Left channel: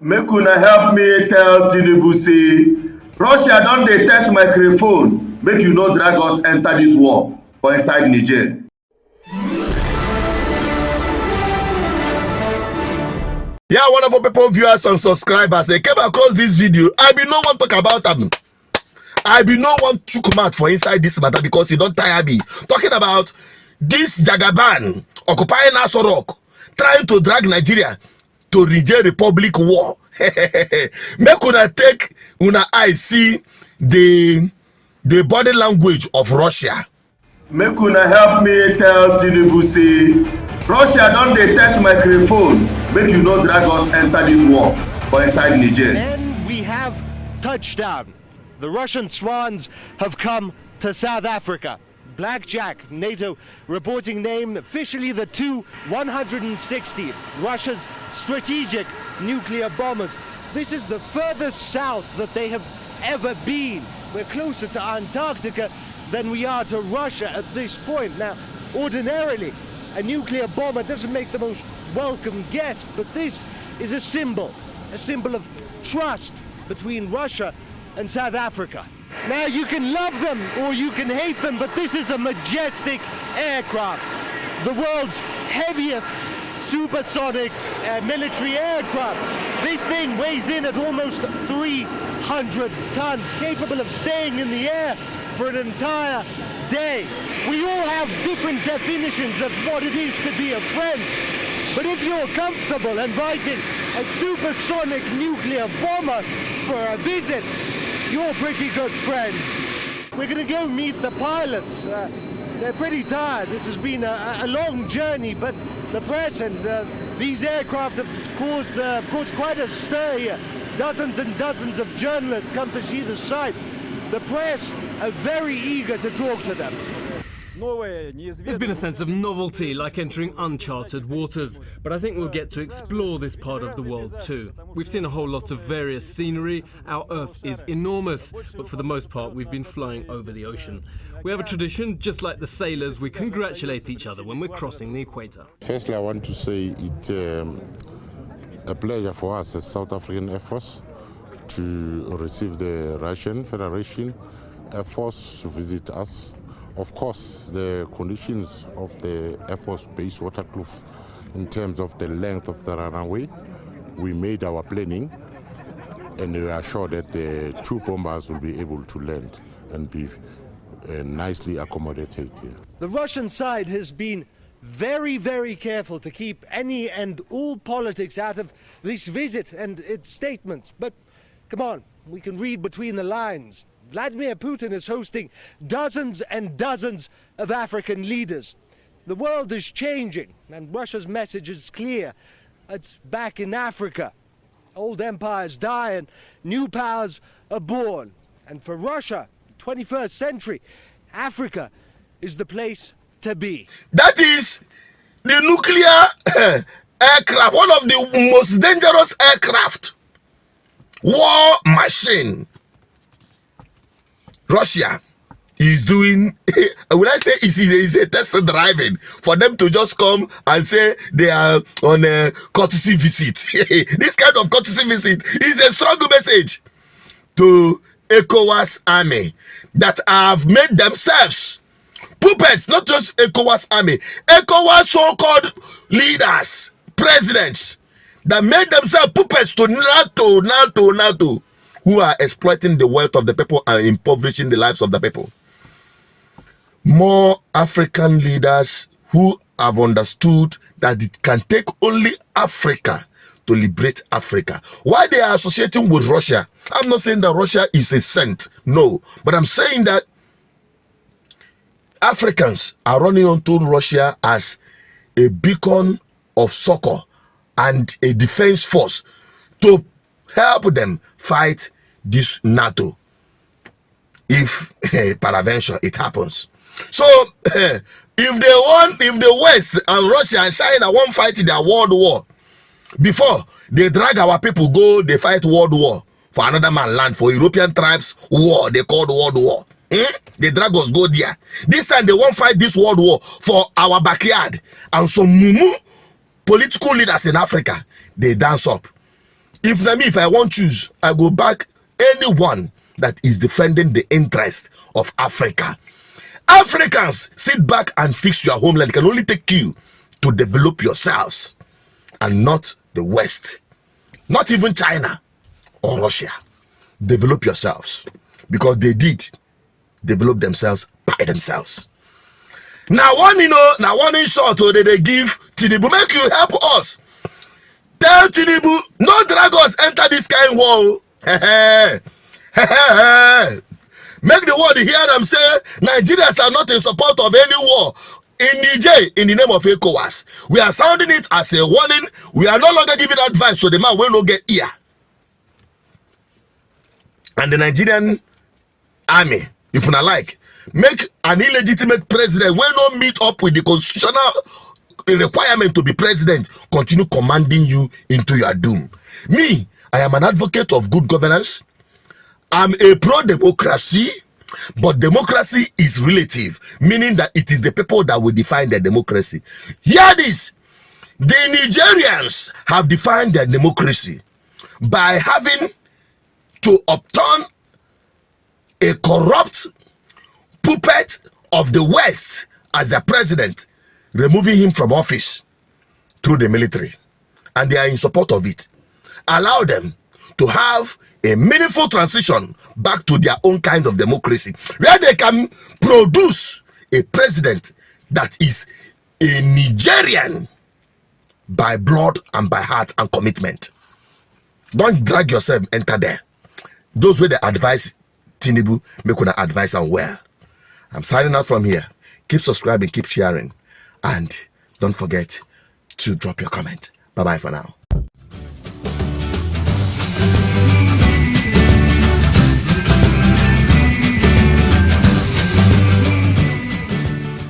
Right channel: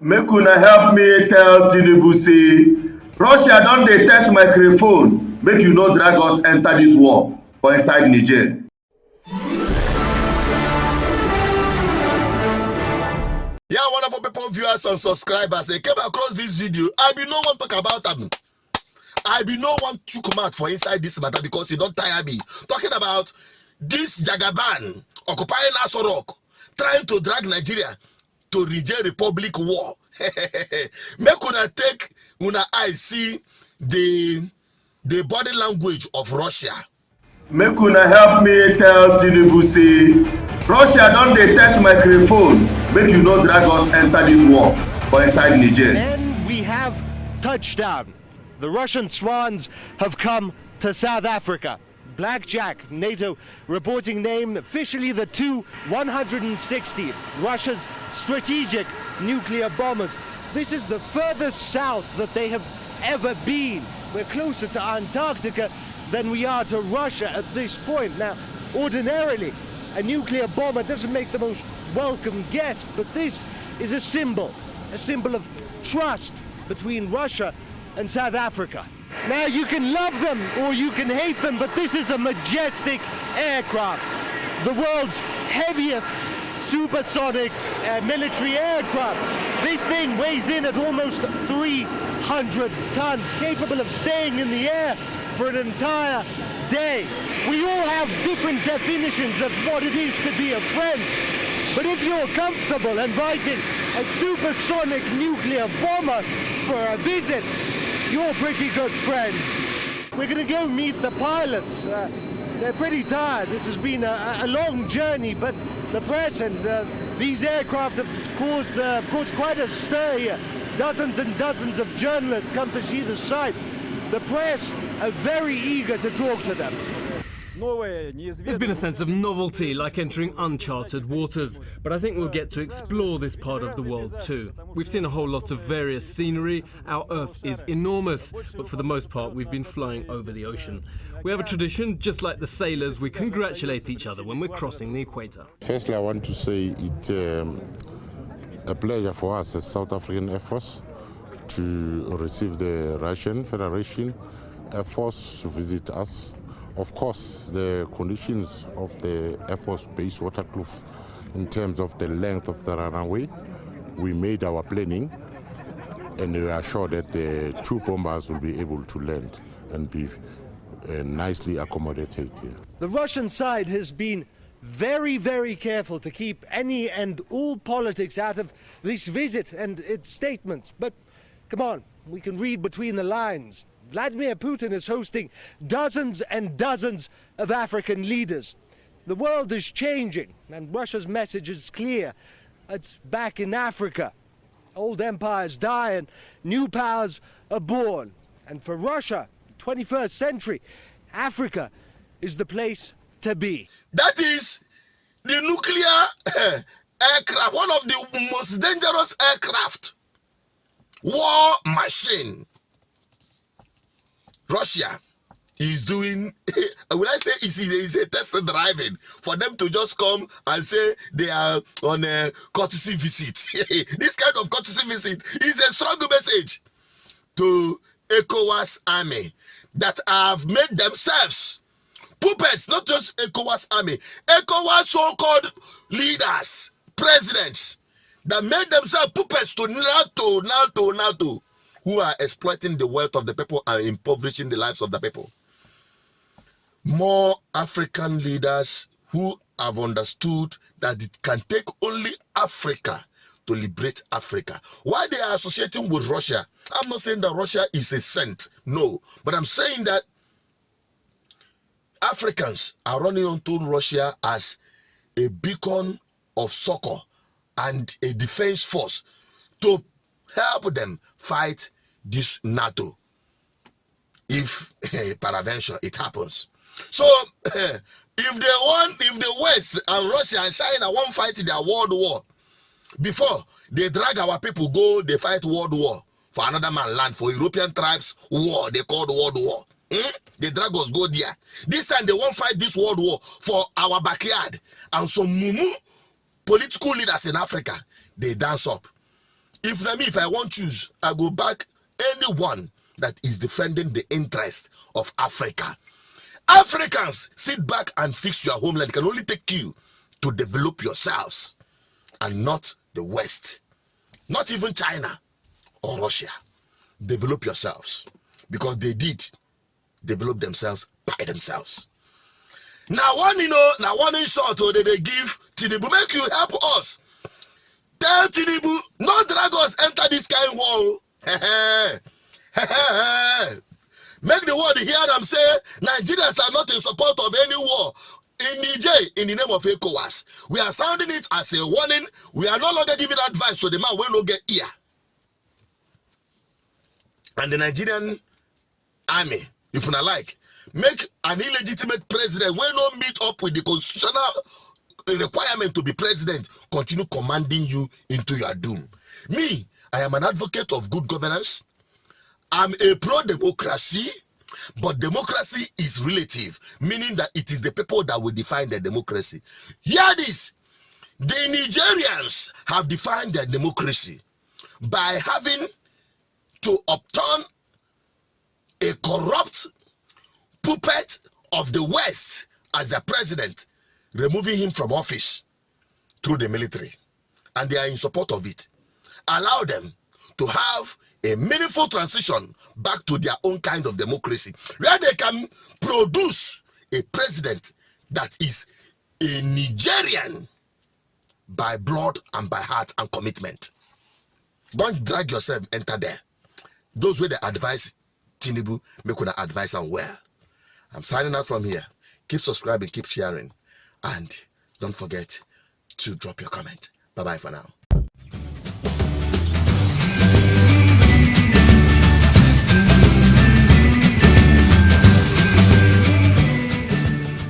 Make una help me tell Tinubu say Russia don dey test microphone make you no drag us enter dis war for inside Niger. Yeah, wonderful people, viewers and subscribers, they came across this video. I be no one talk about them. I be no one chook mouth for inside this matter because you don't tire me. Talking about this Jagaban occupying Aso Rock, trying to drag Nigeria to Niger Republic war. Make una take una eye see the body language of Russia. Make una help me tell Tinubu say Russia don dey test microphone make you no drag us enter dis war for inside Niger. And we have touchdown. The Russian swans have come to South Africa. Blackjack, NATO reporting name, officially the Tu-160, Russia's strategic nuclear bombers. This is the furthest south that they have ever been. We're closer to Antarctica than we are to Russia at this point. Now, ordinarily, a nuclear bomber doesn't make the most welcome guest, but this is a symbol of trust between Russia and South Africa. Now, you can love them or you can hate them, but this is a majestic aircraft. The world's heaviest supersonic military aircraft. This thing weighs in at almost 300 tons, capable of staying in the air for an entire day. We all have different definitions of what it is to be a friend, but if you're comfortable inviting a supersonic nuclear bomber for a visit, you're pretty good friends. We're gonna go meet the pilots. They're pretty tired. This has been a long journey, but the press and these aircraft have caused quite a stir here. Dozens and dozens of journalists come to see the site. The press are very eager to talk to them. There's been a sense of novelty, like entering uncharted waters, but I think we'll get to explore this part of the world too. We've seen a whole lot of various scenery. Our Earth is enormous, but for the most part we've been flying over the ocean. We have a tradition, just like the sailors, we congratulate each other when we're crossing the equator. Firstly, I want to say it's a pleasure for us as South African Air Force to receive the Russian Federation Air Force to visit us. Of course, the conditions of the Air Force Base Waterkloof in terms of the length of the runway, we made our planning and we are sure that the two bombers will be able to land and be nicely accommodated here. The Russian side has been very, very careful to keep any and all politics out of this visit and its statements. But come on, we can read between the lines. Vladimir Putin is hosting dozens and dozens of African leaders. The world is changing, and Russia's message is clear. It's back in Africa. Old empires die and new powers are born. And for Russia, 21st century, Africa is the place to be. That is the nuclear aircraft, one of the most dangerous aircraft. War machine. Russia is doing, will I say is a test driving for them to just come and say they are on a courtesy visit. This kind of courtesy visit is a strong message to ECOWAS army that have made themselves puppets, not just ECOWAS army, ECOWAS so-called leaders, presidents that made themselves puppets to NATO, who are exploiting the wealth of the people and impoverishing the lives of the people. More African leaders who have understood that it can take only Africa to liberate Africa. Why they are associating with Russia? I'm not saying that Russia is a saint, no. But I'm saying that Africans are running onto Russia as a beacon of succor and a defense force to help them fight this NATO if peradventure it happens. So if the West and Russia and China won't fight their world war, before they drag our people go, they fight world war for another man land, for European tribes war, they called world war. They drag us go there. This time they won't fight this world war for our backyard. And some mumu political leaders in Africa, they dance up. If I want to choose, I go back anyone that is defending the interest of Africa. Africans, sit back and fix your homeland. It can only take you to develop yourselves and not the West. Not even China or Russia. Develop yourselves, because they did develop themselves by themselves. Now one in short, or they give Tinubu, make you help us. Tell Tinubu, no drag us enter this kind of war. Make the world hear them say Nigerians are not in support of any war in Niger in the name of ECOWAS. We are sounding it as a warning. We are no longer giving advice to the man when no get ear. And the Nigerian army, if you not like, make an illegitimate president when no meet up with the constitutional requirement to be president, continue commanding you into your doom. Me, I am an advocate of good governance. I'm a pro-democracy, but democracy is relative, meaning that it is the people that will define their democracy. Hear this. The Nigerians have defined their democracy by having to upturn a corrupt puppet of the West as their president, removing him from office through the military. And they are in support of it. Allow them to have a meaningful transition back to their own kind of democracy, where they can produce a president that is a Nigerian by blood and by heart and commitment. Don't drag yourself enter there. Those where they advise Tinubu, make una advice on where. I'm signing out from here. Keep subscribing, keep sharing, and don't forget to drop your comment. Bye-bye for now.